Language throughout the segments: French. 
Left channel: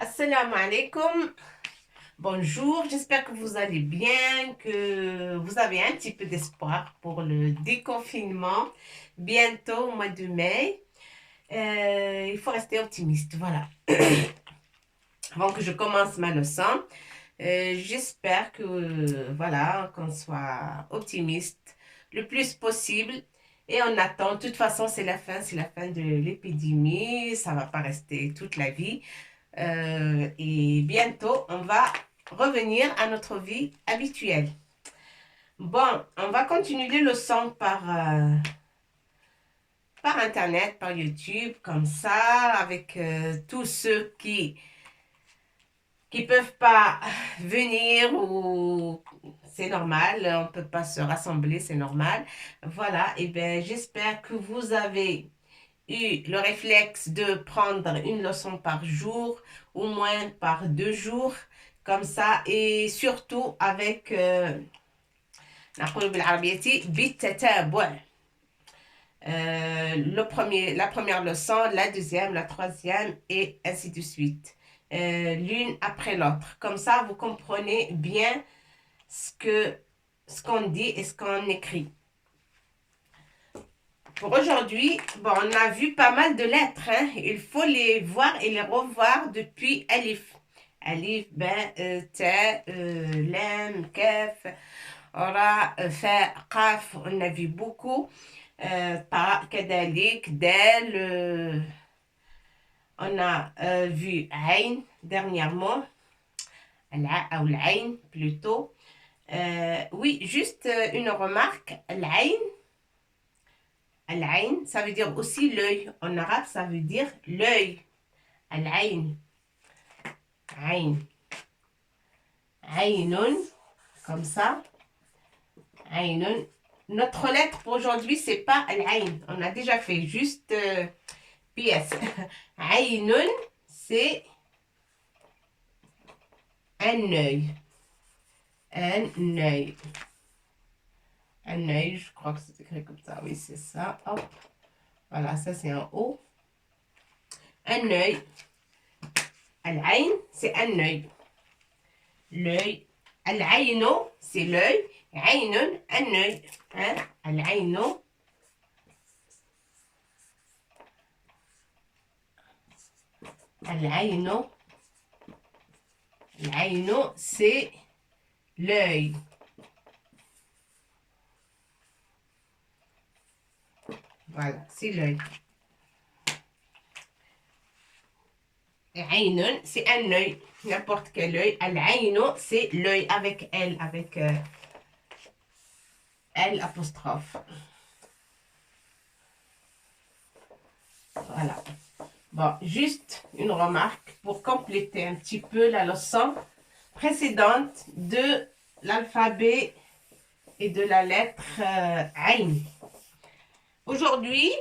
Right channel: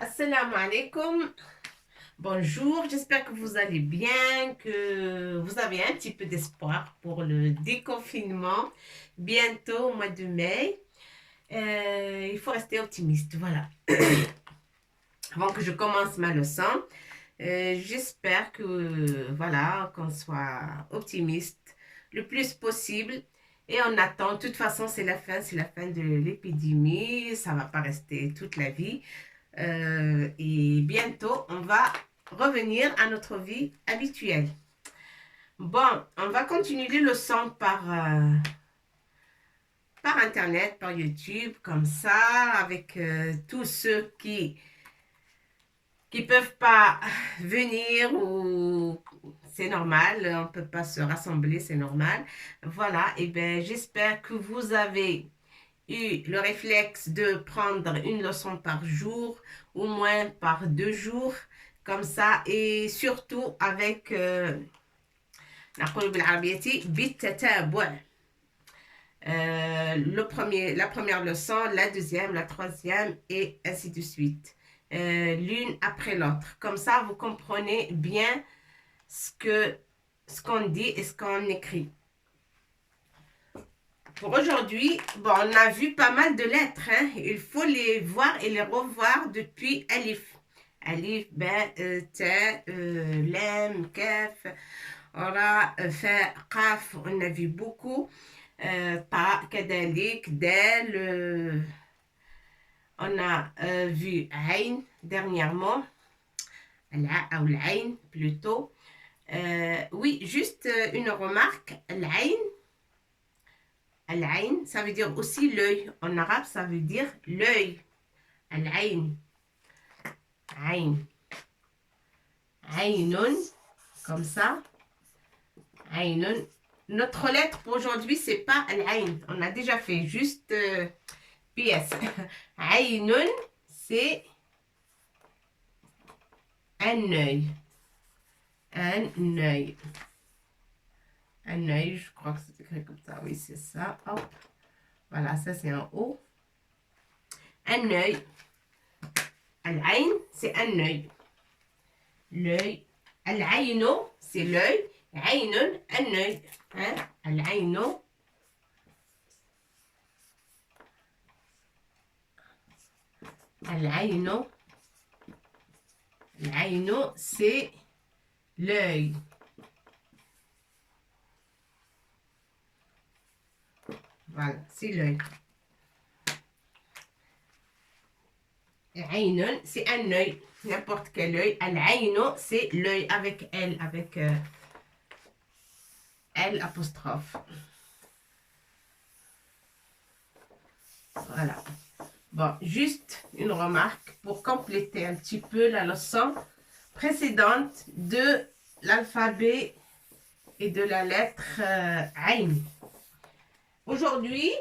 Assalamu alaikum. Bonjour, j'espère que vous allez bien, que vous avez un petit peu d'espoir pour le déconfinement bientôt au mois de mai. Il faut rester optimiste, voilà. Avant que je commence ma leçon, j'espère que voilà, qu'on soit optimiste le plus possible. Et on attend, de toute façon, c'est la fin de l'épidémie, ça va pas rester toute la vie. Et bientôt, on va revenir à notre vie habituelle. Bon, on va continuer les leçons par Internet, par YouTube, comme ça, avec tous ceux qui peuvent pas venir ou c'est normal, on peut pas se rassembler, c'est normal. Voilà, et ben j'espère que vous avez eu le réflexe de prendre une leçon par jour, au moins par 2 jours, comme ça, et surtout avec la première leçon, la deuxième, la troisième, et ainsi de suite. L'une après l'autre. Comme ça, vous comprenez bien ce qu'on dit et ce qu'on écrit. Pour aujourd'hui, bon, on a vu pas mal de lettres. Hein. Il faut les voir et les revoir depuis Alif. Alif, Ben, Ta, Lem, Kaf, Ora, Fa, Qaf. On a vu beaucoup. Ta, Kadalik, Dal. On a vu Ain dernièrement. La ou l'Ain plutôt. Oui, juste une remarque. L'Ain. Al-Ain, ça veut dire aussi l'œil. En arabe, ça veut dire l'œil. Al-Ain. Ain. Ainun, comme ça. Ainun. Notre lettre pour aujourd'hui, c'est pas Al-Ain. On a déjà fait juste PS. Ainun, c'est un œil. Un œil. Un œil, je crois que c'est écrit comme ça. Oui, c'est ça. Hop. Voilà, ça c'est en haut. Un œil. Al-Ain, c'est un œil. L'œil. Al-Aino, c'est l'œil. Ainun, un œil. Hein? Al-Aino. Al-Aino. Al-Aino, c'est l'œil. Voilà, c'est l'œil. Ainun, c'est un œil. N'importe quel œil. Al-Aino, c'est l'œil avec L, avec L apostrophe. Voilà. Bon, juste une remarque pour compléter un petit peu la leçon précédente de l'alphabet et de la lettre Ain. Aujourd'hui,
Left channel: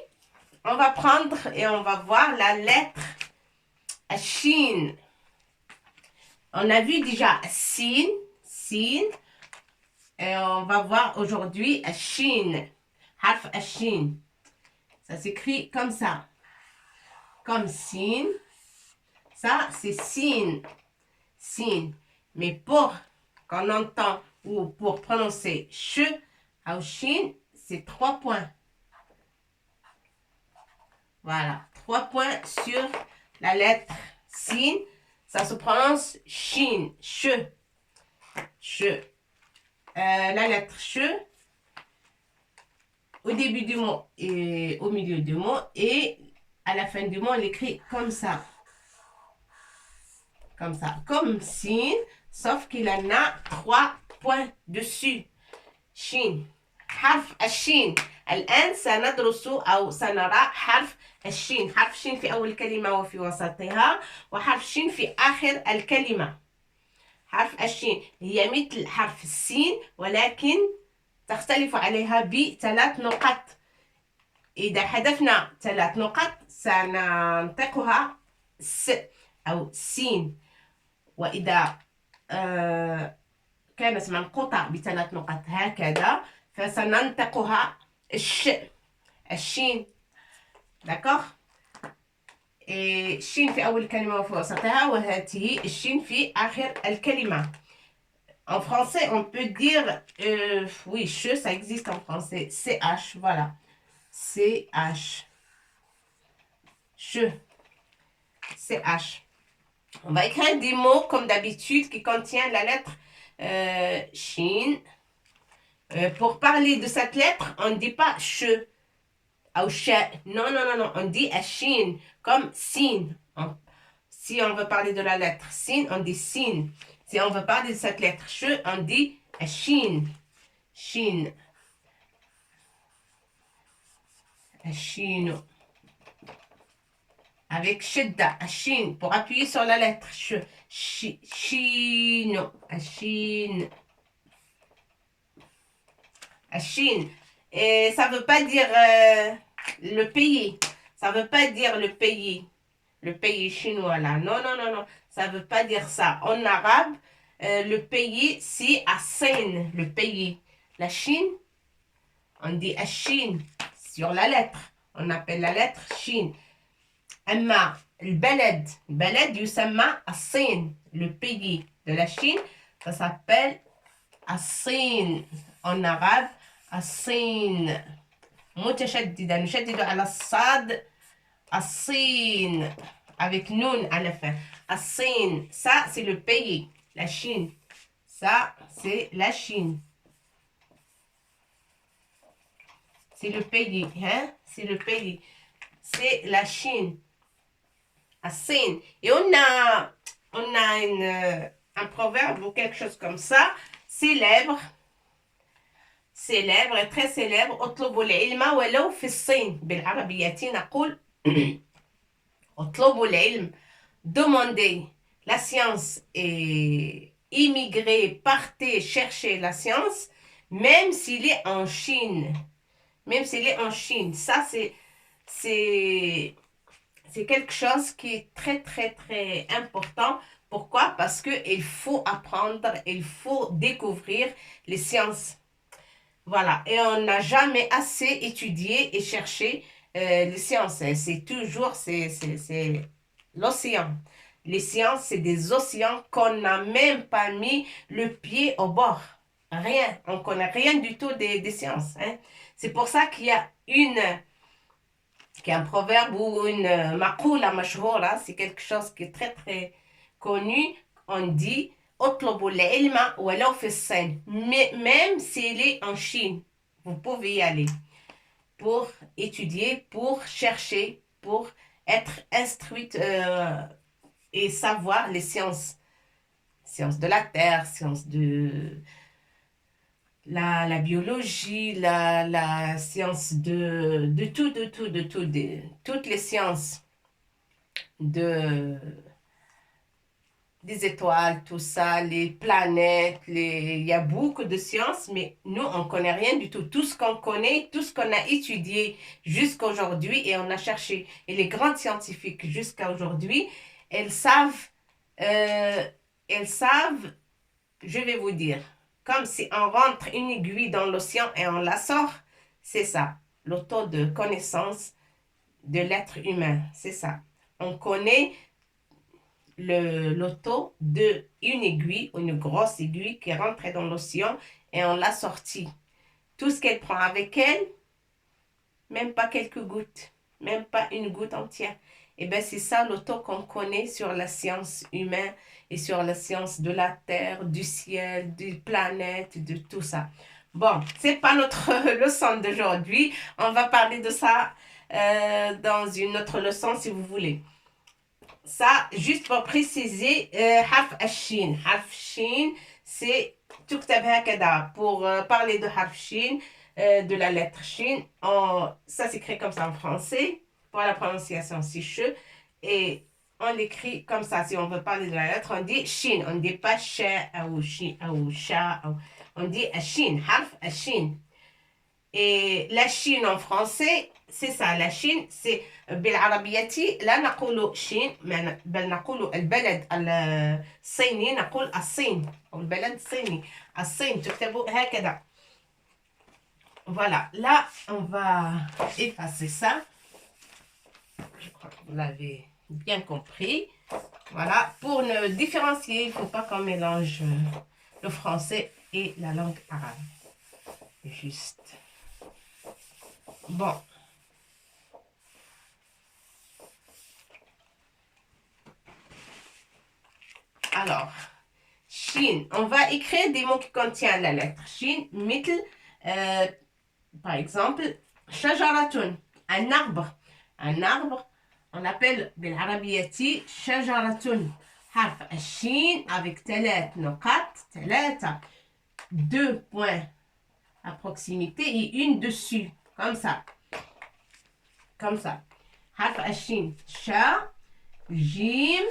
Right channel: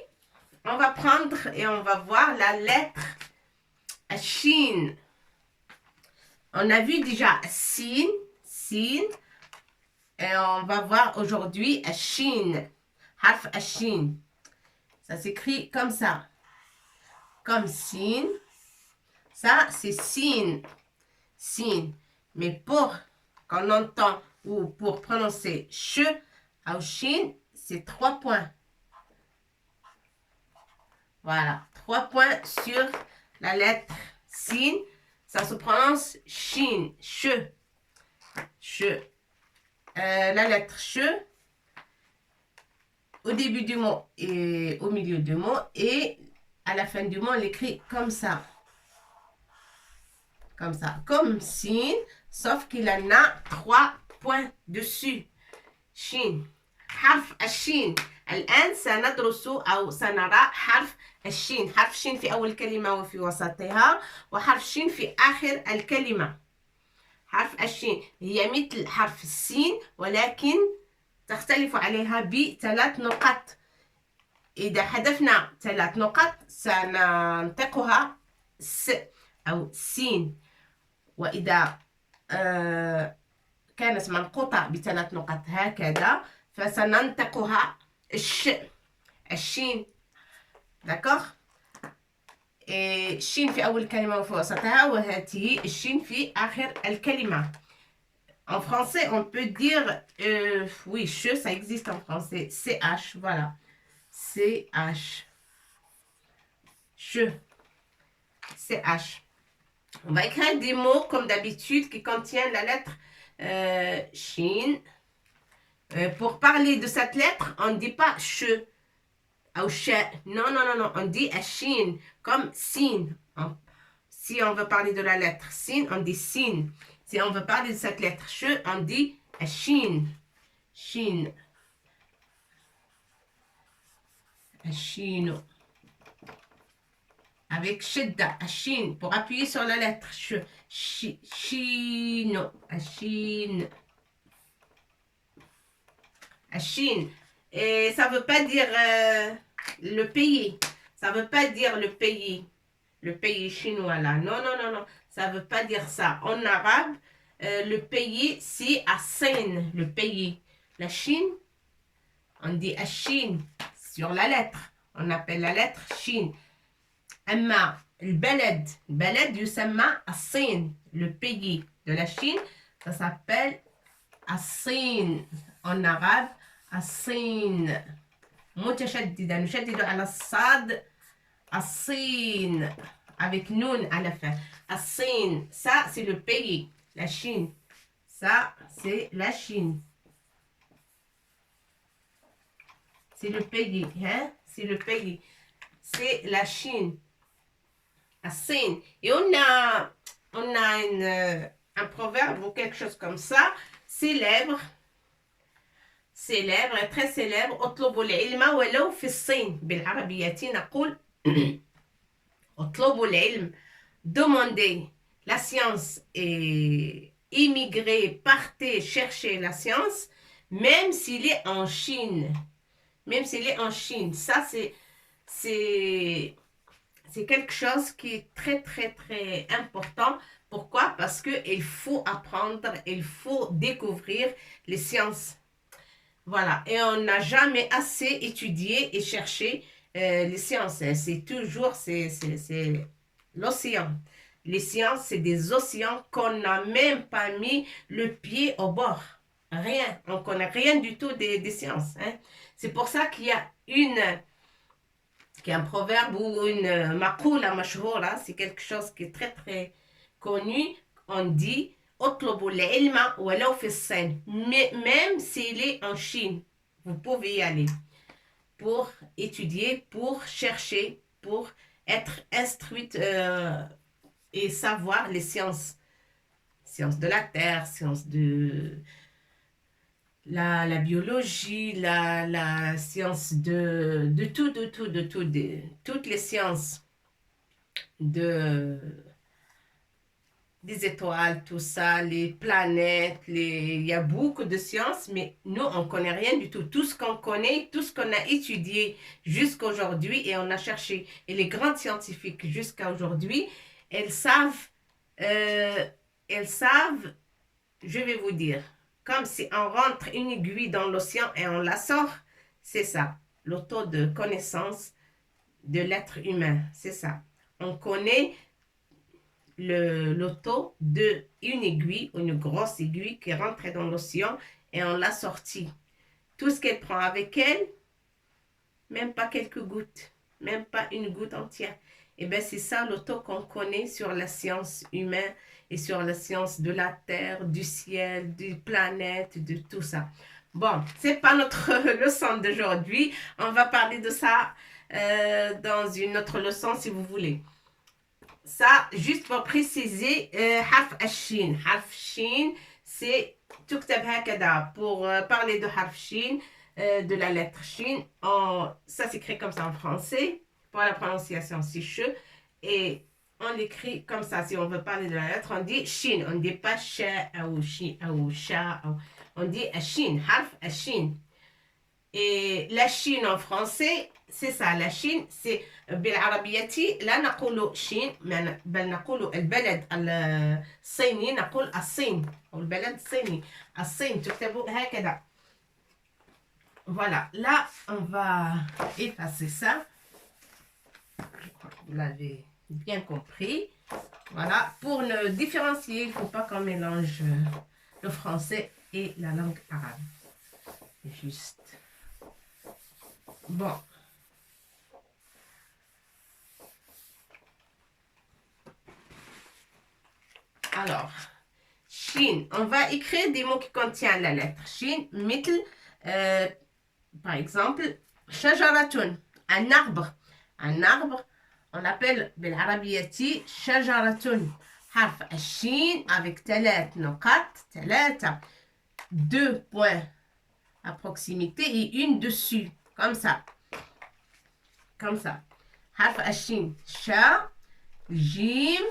on va prendre et on va voir la lettre Shin. On a vu déjà Sin, Sin, et on va voir aujourd'hui Shin, Harf Shin. Ça s'écrit comme ça. Comme Sin. Ça, c'est Sin. Sin. Mais pour qu'on entend ou pour prononcer Ch, ou Shin, c'est 3 points. Voilà. 3 points sur la lettre Sin. Ça se prononce Shin. Ch. Ch. La lettre Ch au début du mot et au milieu du mot et à la fin du mot, on l'écrit comme ça. Comme ça. Comme Sin, sauf qu'il en a 3 points dessus. Shin. حرف الشين الآن سندرس أو سنرى حرف الشين. حرف الشين في أول كلمة وفي وسطها وحرف الشين في آخر الكلمة. حرف الشين هي مثل حرف السين ولكن تختلف عليها ب3 نقط. إذا حذفنا 3 نقط سننطقها س أو سين، وإذا كانت منقوطة ب3 نقط هكذا فسننطقها الش. الشين. D'accord. الشين في أول كلمة وفي وسطها وهذه الشين في آخر الكلمة. En français, on peut dire, oui, che, ça existe en français, CH, voilà. CH. Che. CH. On va écrire des mots comme d'habitude qui contiennent la lettre Shin. Pour parler de cette lettre, on ne dit pas che ou che. Non, non, non, non. On dit Shin comme sin. Si on veut parler de la lettre sin, on dit sin. Si on veut parler de cette lettre che, on dit Shin. Shin. Shin. Avec shidda, shin, pour appuyer sur la lettre sh. Shin. Shin. Shin. Et ça ne veut pas dire le pays. Ça ne veut pas dire le pays. Le pays chinois là. Non, non, non, non. Ça ne veut pas dire ça. En arabe, le pays, c'est Asin, le pays. La Chine, on dit Chine sur la lettre. On appelle la lettre Chine. أما البلد يسمى الصين. Le pays de la Chine, ça s'appelle الصين. En arabe, الصين. متشددة نشدد على الصاد الصين avec noun à la fin. الصين, ça c'est le pays, la Chine. Ça c'est la Chine. C'est le pays, hein? C'est le pays. C'est la Chine. الصين. Et on a un proverbe ou quelque chose comme ça, célèbre, très célèbre. اطلبوا العلم ولو في الصين. بالعربية نقول اطلبوا العلم. Demandez la science et immigrer, partez chercher la science, même s'il est en Chine. Même s'il est en Chine. Ça, c'est quelque chose qui est très, très, très important. Pourquoi? Parce qu'il faut apprendre, il faut découvrir les sciences. Voilà. Et on n'a jamais assez étudié et cherché les sciences. C'est toujours, c'est l'océan. Les sciences, c'est des océans qu'on n'a même pas mis le pied au bord. Rien. On ne connaît rien du tout des sciences. Hein. C'est pour ça qu'il y a un proverbe ou une maqoula mashhoura, c'est quelque chose qui est très très connu. On dit mais même s'il est en Chine, vous pouvez y aller pour étudier, pour chercher, pour être instruite et savoir les sciences. Sciences de la terre, sciences de la biologie, la science de toutes les sciences des étoiles, tout ça, les planètes, il y a beaucoup de sciences, mais nous, on ne connaît rien du tout. Tout ce qu'on connaît, tout ce qu'on a étudié jusqu'à aujourd'hui, et on a cherché, et les grandes scientifiques jusqu'à aujourd'hui, elles savent, je vais vous dire, comme si on rentre une aiguille dans l'océan et on la sort, c'est ça, le taux de connaissance de l'être humain, c'est ça. On connaît le taux d'une aiguille, une grosse aiguille qui rentre dans l'océan et on l'a sortie. Tout ce qu'elle prend avec elle, même pas quelques gouttes, même pas une goutte entière. Et bien c'est ça le taux qu'on connaît sur la science humaine et sur la science de la terre, du ciel, des planètes, de tout ça. Bon, c'est pas notre leçon d'aujourd'hui. On va parler de ça dans une autre leçon si vous voulez. Ça, juste pour préciser, harf shin. Harf shin, c'est tuktab hakada. Pour parler de harf shin, de la lettre shin, ça s'écrit comme ça en français. Pour la prononciation, c'est che. Et on l'écrit comme ça. Si on veut parler de la lettre, on dit shin. On ne dit pas sha ou shi ou sha. On dit shin, harf shin. Et la Chine en français, c'est ça. La Chine, c'est بالعربية لا نقول شين بل نقول البلد الصيني نقول الصين أو البلد الصيني. الصين تكتب هكذا. Voilà, là, on va effacer ça. Je crois que vous l'avez bien compris. Voilà, pour ne différencier, il ne faut pas qu'on mélange le français et la langue arabe. Juste. Bon. Alors, Chine, on va écrire des mots qui contiennent la lettre Chine, mitl, par exemple, shajaratun, un arbre. Un arbre, on l'appelle بالعربية shajaratun. حرف الشين avec ثلاث نقاط, ثلاثة, 2 points à proximité et une dessus, comme ça. Comme ça. حرف الشين, sha, jim.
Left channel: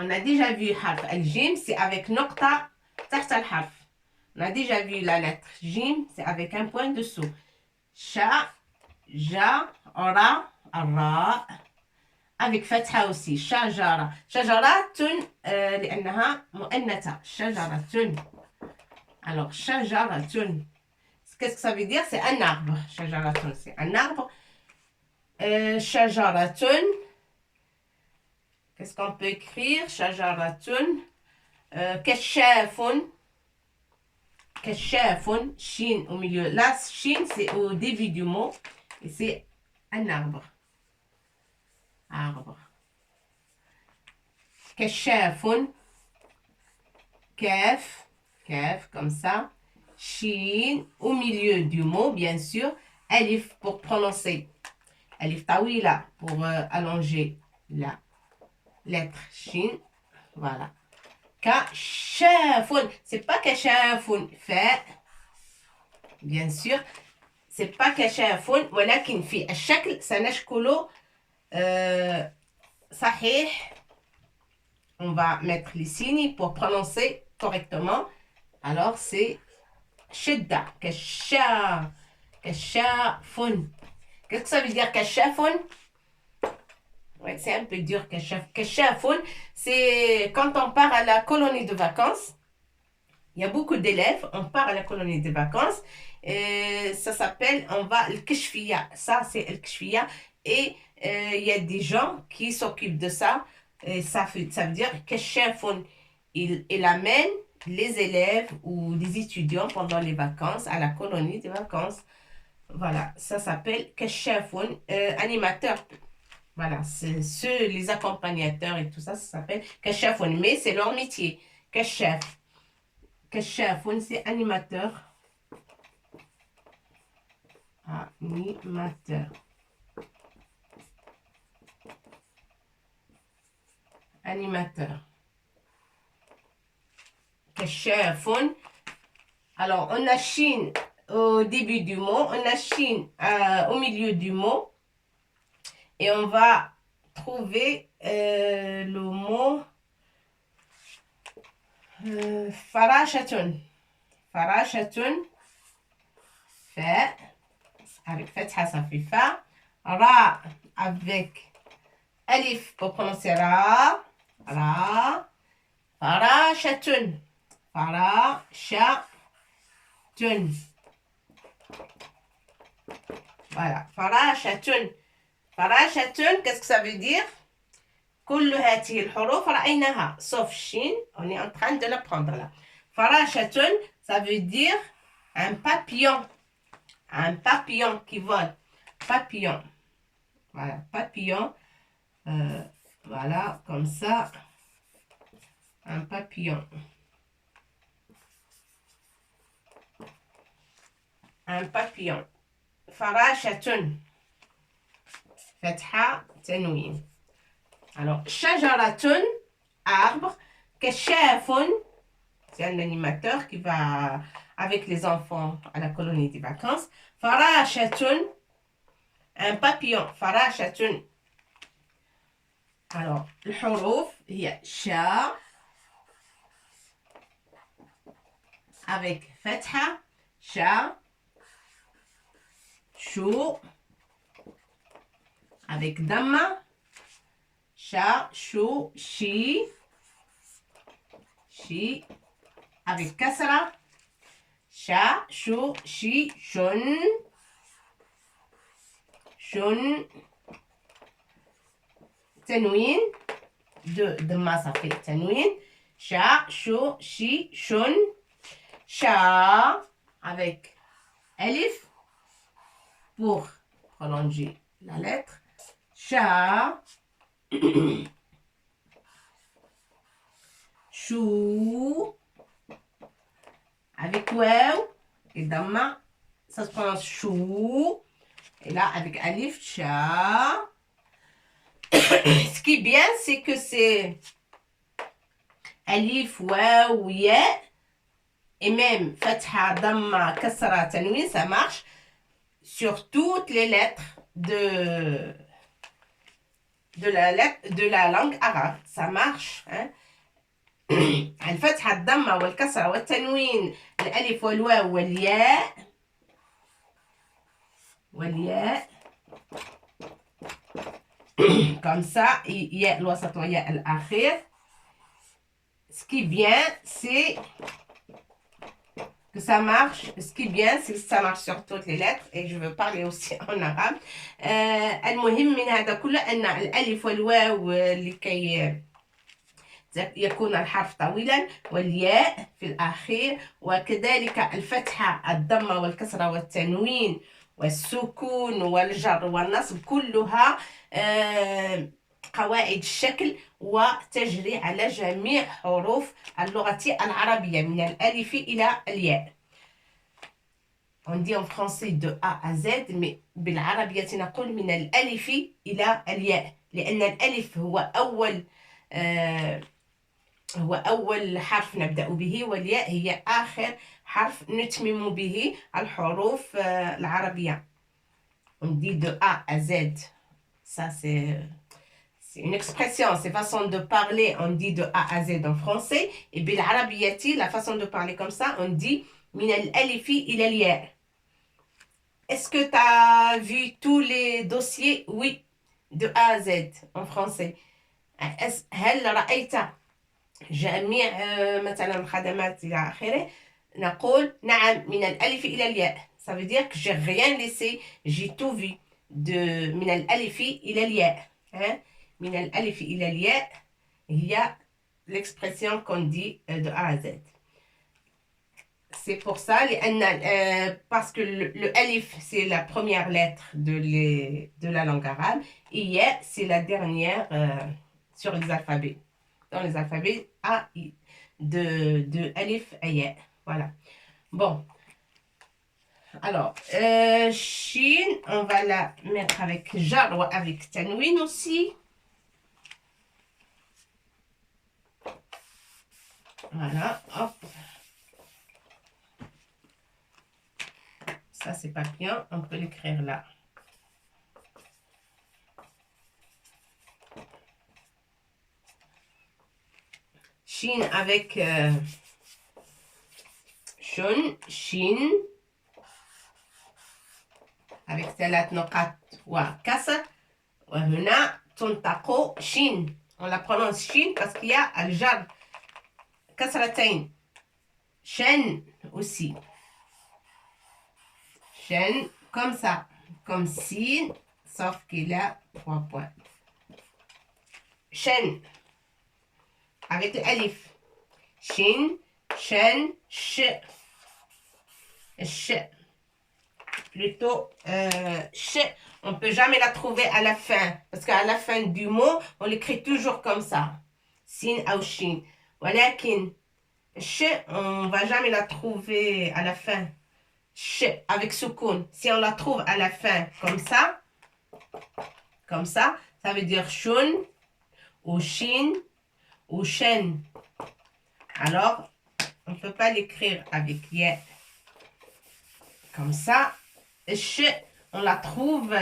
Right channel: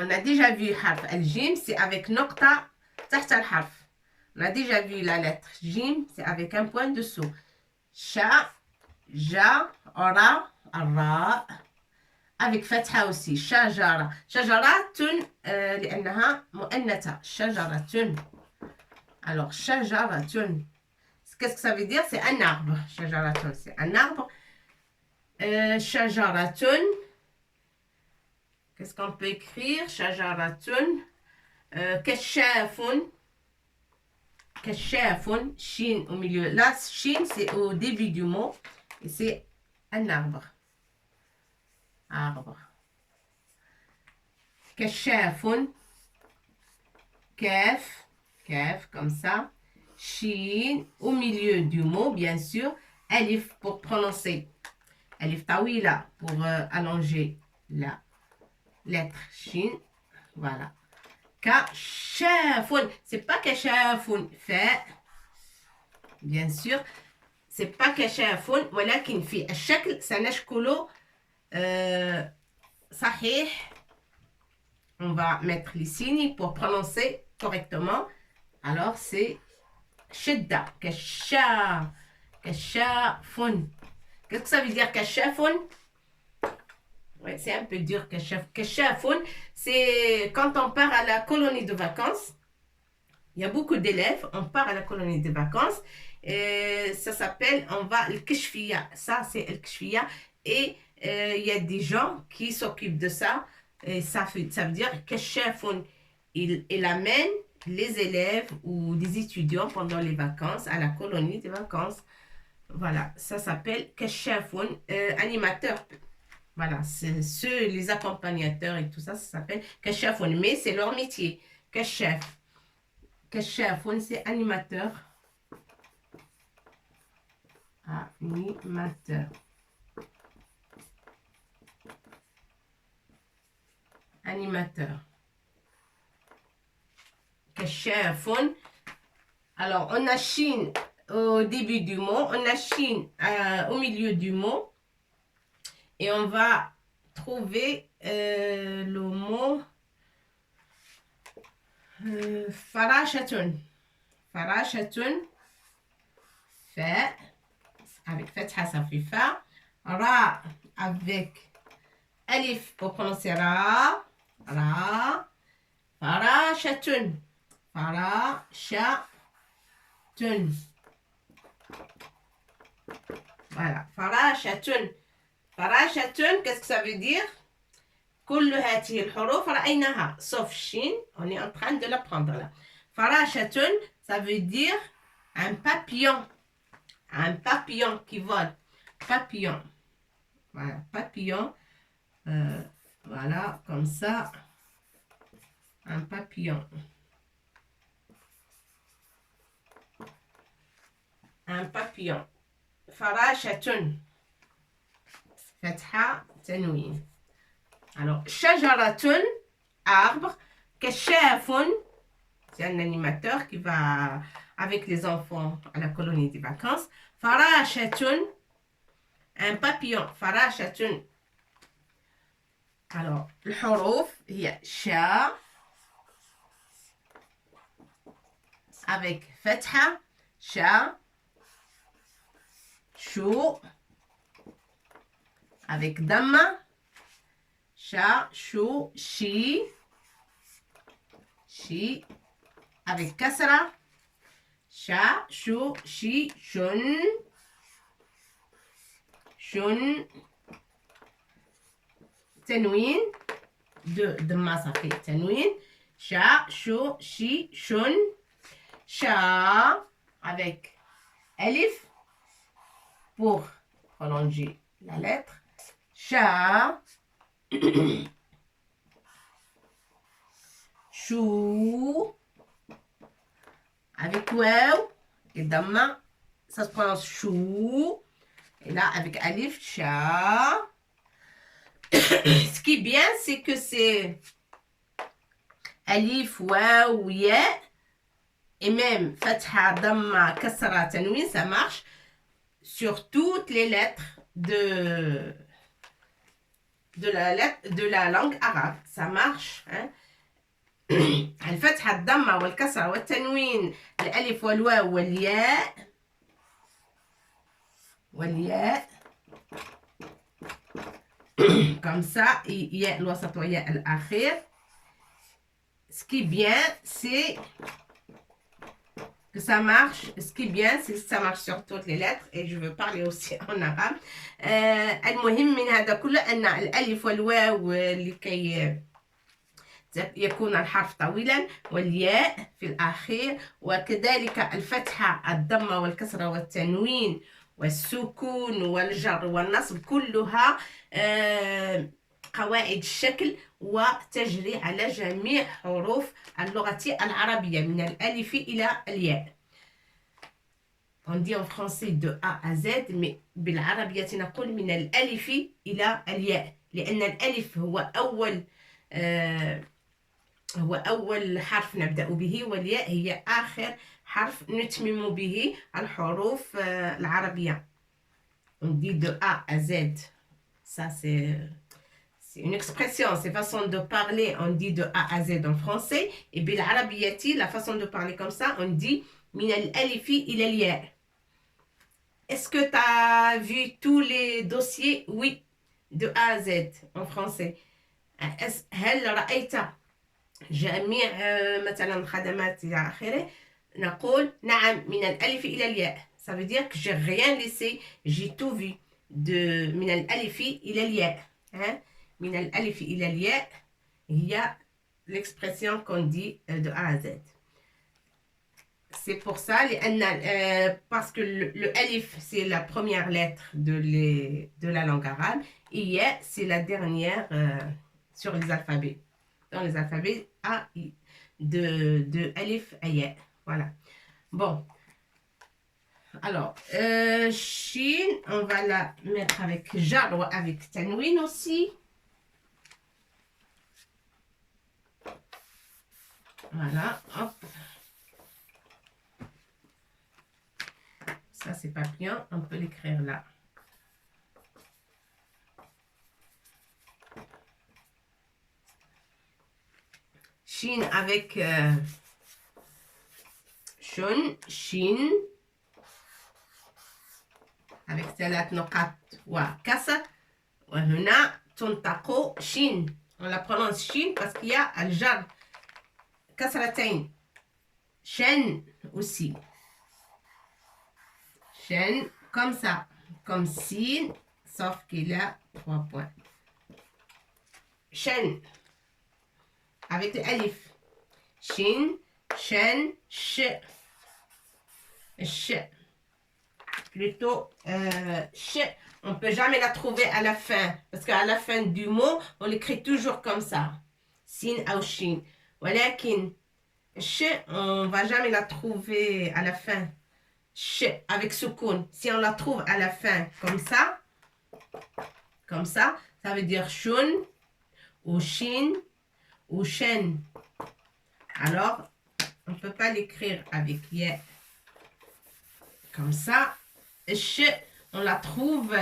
On a déjà vu حرف الجيم, c'est avec نقطة تحت الحرف. On a déjà vu la lettre jim, c'est avec un point dessous. Sha, ja, ra, ra. Avec فتحة aussi. شجرة. شجرات لأنها مؤنثة. شجرة. Alors, شجرة. Qu'est-ce que ça veut dire? C'est un arbre. شجرة, c'est un arbre. شجرة. Qu'est-ce qu'on peut écrire? شجرة. كشاف. كشاف. Chine au milieu. Là, Chine, c'est au début du mot. Et c'est un arbre. Arbre. كشاف. كاف. كاف, comme ça. Chine, au milieu du mot, bien sûr. Alif pour prononcer. Alif tawila pour allonger la lettre Chine. Voilà. كشاف. C'est pas كشاف. fait. Bien sûr. C'est pas كشاف. ولكن في الشكل سنشكله صحيح. On va mettre les signes pour prononcer correctement. Alors, c'est شدة. كشاف. كشاف. Qu'est-ce que ça veut dire كشاف? Ouais, c'est un peu dur. كشاف, c'est quand on part à la colonie de vacances. Il y a beaucoup d'élèves. On part à la colonie de vacances. Ça s'appelle, on va le kishfiya. Ça, c'est le kishfiya. Et il y a des gens qui s'occupent de ça. Et ça veut dire que il amène les élèves ou les étudiants pendant les vacances à la colonie de vacances. Voilà, ça s'appelle keshafun, animateur. Voilà, c'est ceux, les accompagnateurs et tout ça, ça s'appelle keshafun. Mais c'est leur métier. Keshaf. Keshafun, c'est animateur. Animateur. Animateur. Keshafun. Alors, on a Chine au début du mot, on a Chine au milieu du mot. Et on va trouver le mot farashatun. Farashatun. Fa. Avec fatha, ça fait fa. Ra avec alif pour prononcer ra. Ra. Farashatun. Farashatun. Voilà. Farashatun. Farashatun, qu'est-ce que ça veut dire? كل هذه الحروف رأيناها sauf Chine, on est en train de l'apprendre là. Farashatun, ça veut dire un papillon. Un papillon qui vole. Papillon. Voilà, papillon. Voilà, comme ça. Un papillon. Un papillon. Farashatun. Fatha, tanwin. Alors, shajaratun, arbre. Keshafun, c'est un animateur qui va avec les enfants à la colonie des vacances. Farashatun, un papillon. Farashatun. Alors, le huruf, il y a sha avec fatha, sha, chou, avec damma, sha, chou, chi, chi, avec kasra, sha, chou, chi, shun, shun, tanwin. De dhamma, ça fait tanwin. Sha, sho, shi, shun. Sha, avec alif pour prolonger la lettre. Sha. Chou. Avec waw et dhamma, ça se prononce chou. Et là, avec alif, cha. Ce qui est bien, c'est que c'est alif, waw, ya. Et même fatha, dhamma, kasra, tanwin, ça marche sur toutes les lettres de la langue arabe. Ça marche. Hein? الفتحة الضمة والكسرة والتنوين الألف والواو والياء comme ça ياء الوسط وياء الأخير. Ce qui est bien, c'est que ça marche. Ce qui est bien, c'est que ça marche sur toutes les lettres. Et je veux parler aussi en arabe. المهم من هذا كله أن الألف والواو لكي يكون الحرف طويلا والياء في الأخير، وكذلك الفتحة الضمة والكسرة والتنوين والسكون والجر والنصب كلها قواعد الشكل وتجري على جميع حروف اللغة العربية من الألف إلى الياء. On dit en français de A à Z, mais بالعربية نقول من الألف إلى الياء، لأن الألف هو أول حرف نبدأ به، والياء هي آخر حرف نتمم به الحروف العربية. On dit de A à Z. Ça, c'est une expression, c'est façon de parler. On dit de A à Z en français. Et بالعربية, la façon de parler comme ça, on dit من الألف إلى الياء. Est-ce que tu as vu tous les dossiers? Oui, de A à Z en français. هل رأيت جميع مثلا الخدمات إلى آخره؟ نقول نعم من الألف إلى الياء. Ça veut dire que j'ai rien laissé, j'ai tout vu. من الألف إلى الياء. Hein? من الألف إلى الياء هي l'expression qu'on dit de A à Z. C'est pour ça, parce que le alif, c'est la première lettre de la langue arabe, et ya, c'est la dernière sur les alphabets. Dans les alphabets, A, I, de alif à ya. Voilà. Bon. Alors, Shin, on va la mettre avec jar ou avec tanwin aussi. Voilà, hop. Ça, c'est pas bien. On peut l'écrire là. Shin avec shun, shin. Avec ثلاث نقاط وكسر. وهنا تنطق شين. On la prononce shin parce qu'il y a الجر كسرتين. Shen aussi. Shen comme ça. Comme sin, sauf qu'il y a 3 points. Shen. Avec l'alif. Shin, shen, sh. Sh. Plutôt sh. On ne peut jamais la trouver à la fin. Parce qu'à la fin du mot, on l'écrit toujours comme ça. Sin ou shin. ولكن sh, on ne va jamais la trouver à la fin. Sh avec soukoun. Si on la trouve à la fin comme ça, ça veut dire shun ou shin ou shen. Alors, on ne peut pas l'écrire avec ya. Comme ça. Sh, on la trouve,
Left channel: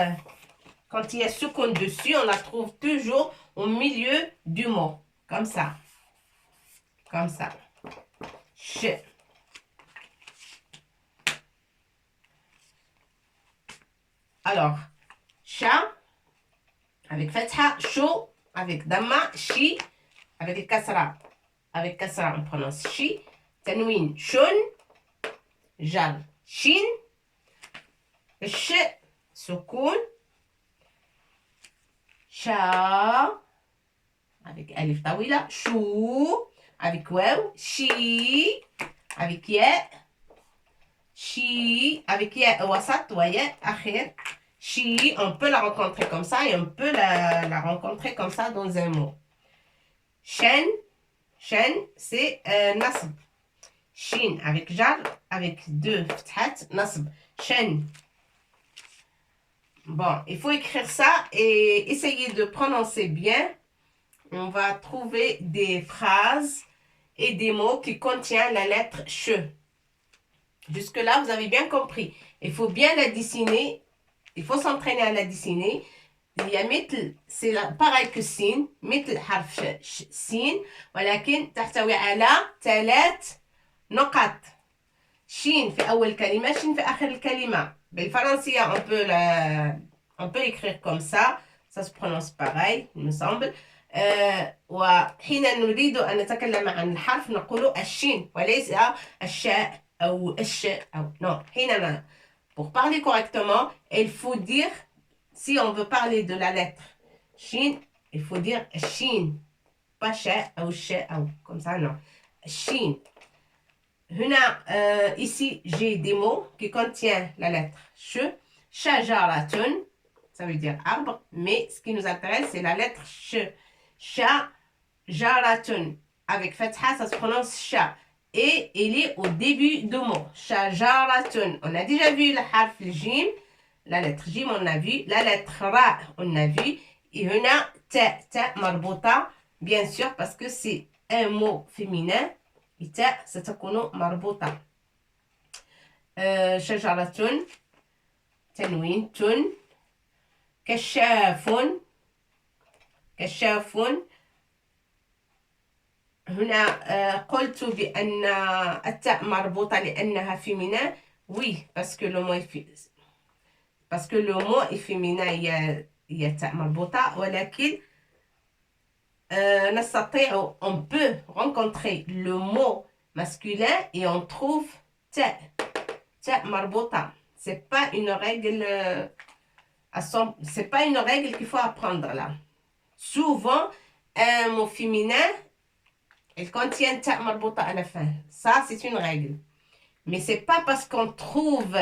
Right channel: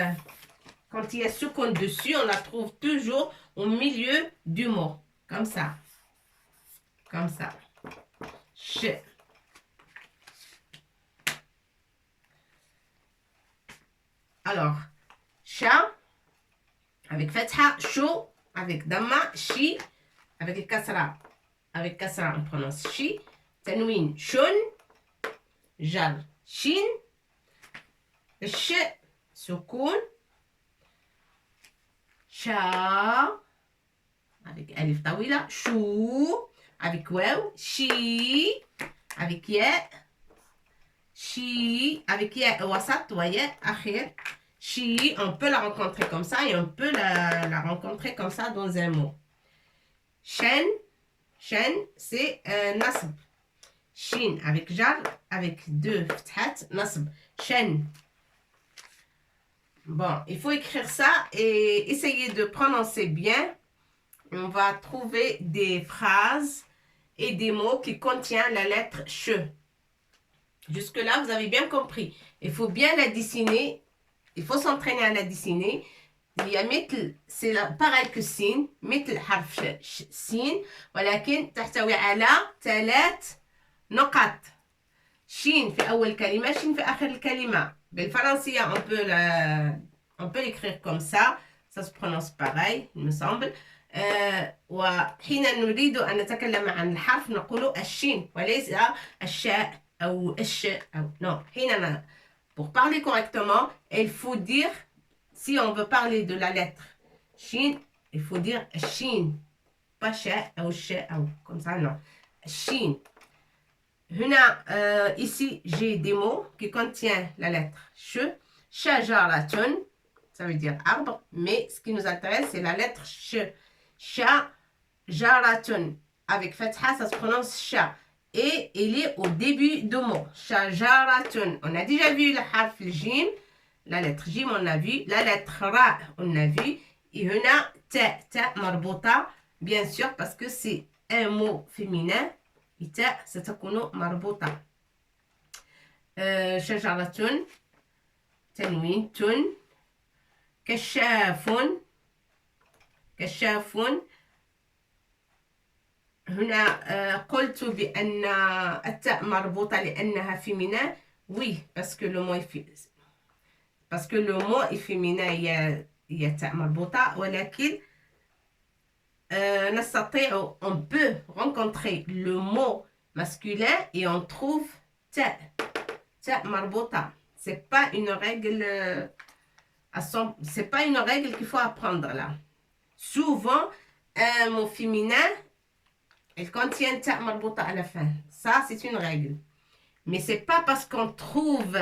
quand il y a soukoun dessus, on la trouve toujours au milieu du mot. Comme ça. Comme ça. Sh. Alors, sha, avec fatha, sho, avec dhamma, shi, avec le kasra. Avec kasra, on prononce shi. Tanwin, shun. Jar, shin. Sh, soukoun. Sha, avec alif tawila, chou, avec waw, chi, avec ya, chi, avec ya wasat, wa ya akhir, chi, on peut la rencontrer comme ça et on peut la rencontrer comme ça dans un mot. Shen, c'est nasb. Shin avec jar, avec deux fathat, nasb. Shen. Bon, il faut écrire ça et essayer de prononcer bien. On va trouver des phrases et des mots qui contiennent la lettre ch. Jusque-là, vous avez bien compris. Il faut bien la dessiner. Il faut s'entraîner à la dessiner. Il y a مثل, c'est pareil que sin, مثل حرف sin, ولكن تحتوي على 3 نقط. شين في أول كلمة, شين في آخر الكلمة. بالفرنسية, on peut l'écrire comme ça. Ça se prononce pareil, il me semble. وحين نريد أن نتكلم عن الحرف نقول الشين وليس الشاء أو الشاء أو non. حينما pour parler correctement, il faut dire, si on veut parler de la lettre shin, il faut dire shin, pas sha ou sha ou comme ça non. Shin. Ici j'ai des mots qui contiennent la lettre sh. Shajaratun, ça veut dire arbre, mais ce qui nous intéresse c'est la lettre sh. Shajaratun avec fatha, ça se prononce sha. Et il est au début du mot. Shajaratun. On a déjà vu le harf jim. La lettre jim, on a vu. La lettre ra, on a vu. Et on a ta marbota. Bien sûr, parce que c'est un mot féminin. Et ta, c'est un mot marbota. Shajaratun. Tanwin, tun. Kashafun. Kashafun. هنا قلت بأن التاء مربوطة لأنها féminin. Oui, parce que le mot est féminin, il y a تاء مربوطة. ولكن نستطيع, on peut rencontrer le mot masculin et on trouve تاء مربوطة. C'est pas une règle c'est pas une règle qu'il faut apprendre là. Souvent, un mot féminin il contient ta marbota à la fin. Ça, c'est une règle. Mais c'est pas parce qu'on trouve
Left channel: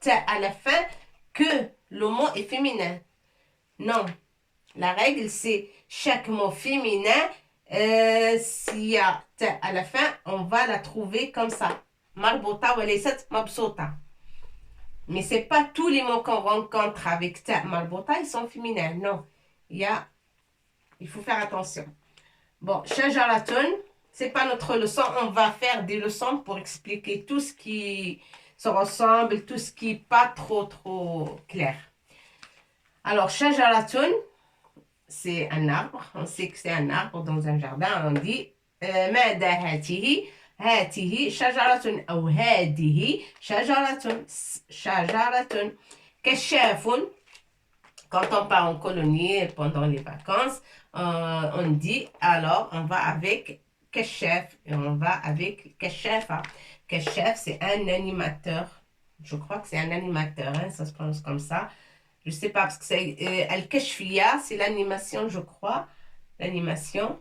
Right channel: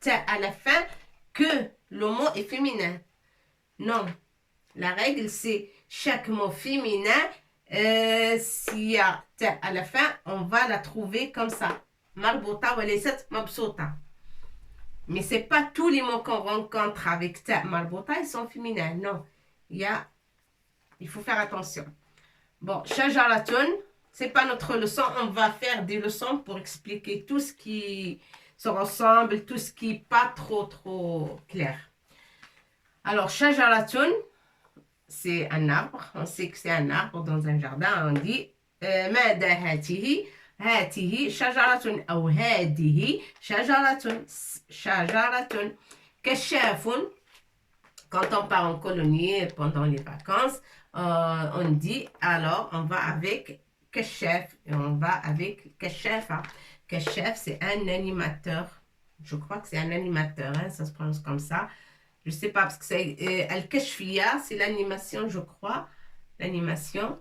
ta à la fin que le mot est féminin. Non. La règle, c'est chaque mot féminin, s'il y a ta à la fin, on va la trouver comme ça. Marbota ou les 7 mabsota. Mais c'est pas tous les mots qu'on rencontre avec ta marbota, ils sont féminins. Non. Il faut faire attention. Bon, shajaratun. C'est pas notre leçon, on va faire des leçons pour expliquer tout ce qui se ressemble, tout ce qui n'est pas trop clair. Alors, shajaratun, c'est un arbre. On sait que c'est un arbre dans un jardin. On dit ماذا هاته هاته شجرة أو هذه شجرة كشاف. Quand on part en colonie pendant les vacances, on dit alors on va avec Kachef et on va avec Kachefa. Kachef, c'est un animateur. Je crois que c'est un animateur, hein, ça se prononce comme ça. Je sais pas parce que c'est Al-Kashfiya, c'est l'animation, je crois. L'animation,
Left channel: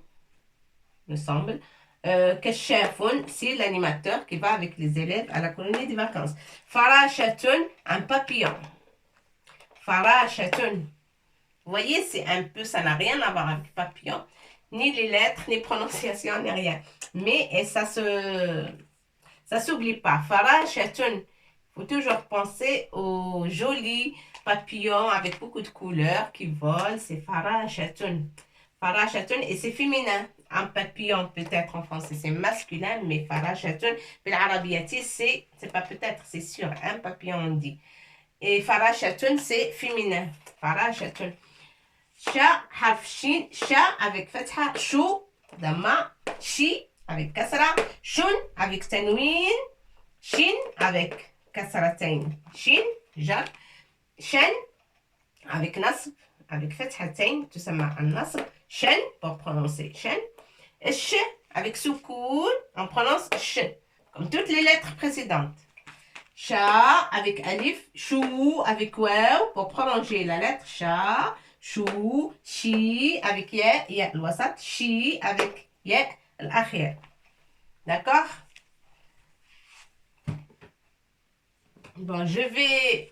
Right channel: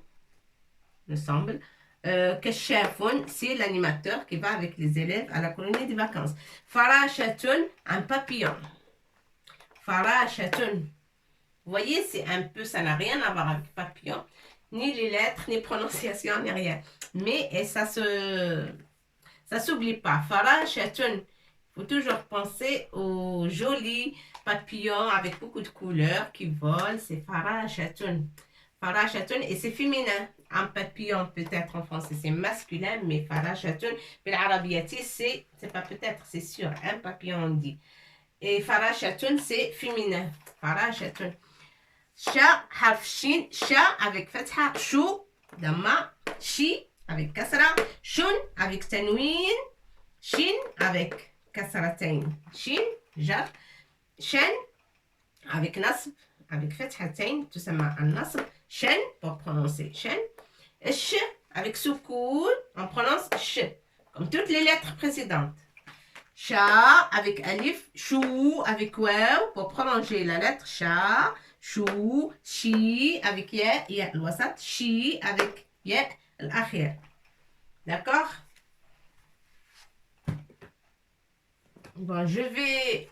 me semble. Kachefun, c'est l'animateur qui va avec les élèves à la colonie des vacances. Farashatun, un papillon. Farashatun. Vous voyez, c'est un peu, ça n'a rien à voir avec papillon. Ni les lettres, ni prononciation, ni rien. Mais ça s'oublie pas. Farashatun. Il faut toujours penser aux jolis papillons avec beaucoup de couleurs qui volent. C'est farashatun. Farashatun, et c'est féminin. Un papillon, peut-être en français, c'est masculin, mais farashatun. Puis l'arabiati, c'est pas peut-être, c'est sûr. Un papillon, on dit. Et farashatun, c'est féminin. Farashatun. Sha, harf shin, sha avec fatha, chou, dama, chi avec kasra, shun avec tanwin, shin avec kasratain, shin, jar, shen avec nasb, avec fathatain, tout ça un nasb, shen pour prononcer shen, sh avec soukoun, on prononce sh, comme toutes les lettres précédentes. Sha avec alif, chou avec waw pour prolonger la lettre sha. شو شي avec ياء الوسط شي avec ياء الأخير. D'accord? Bon, je vais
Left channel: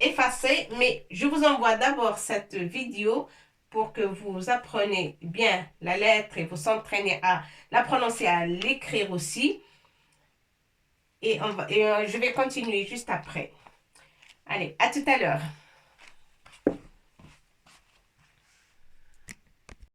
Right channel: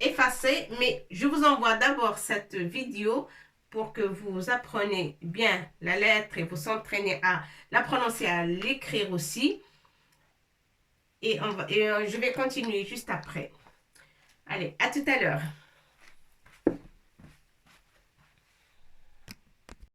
effacer, mais je vous envoie d'abord cette vidéo pour que vous appreniez bien la lettre et vous entraînez à la prononcer, à l'écrire aussi. Et je vais continuer juste après. Allez, à tout à l'heure.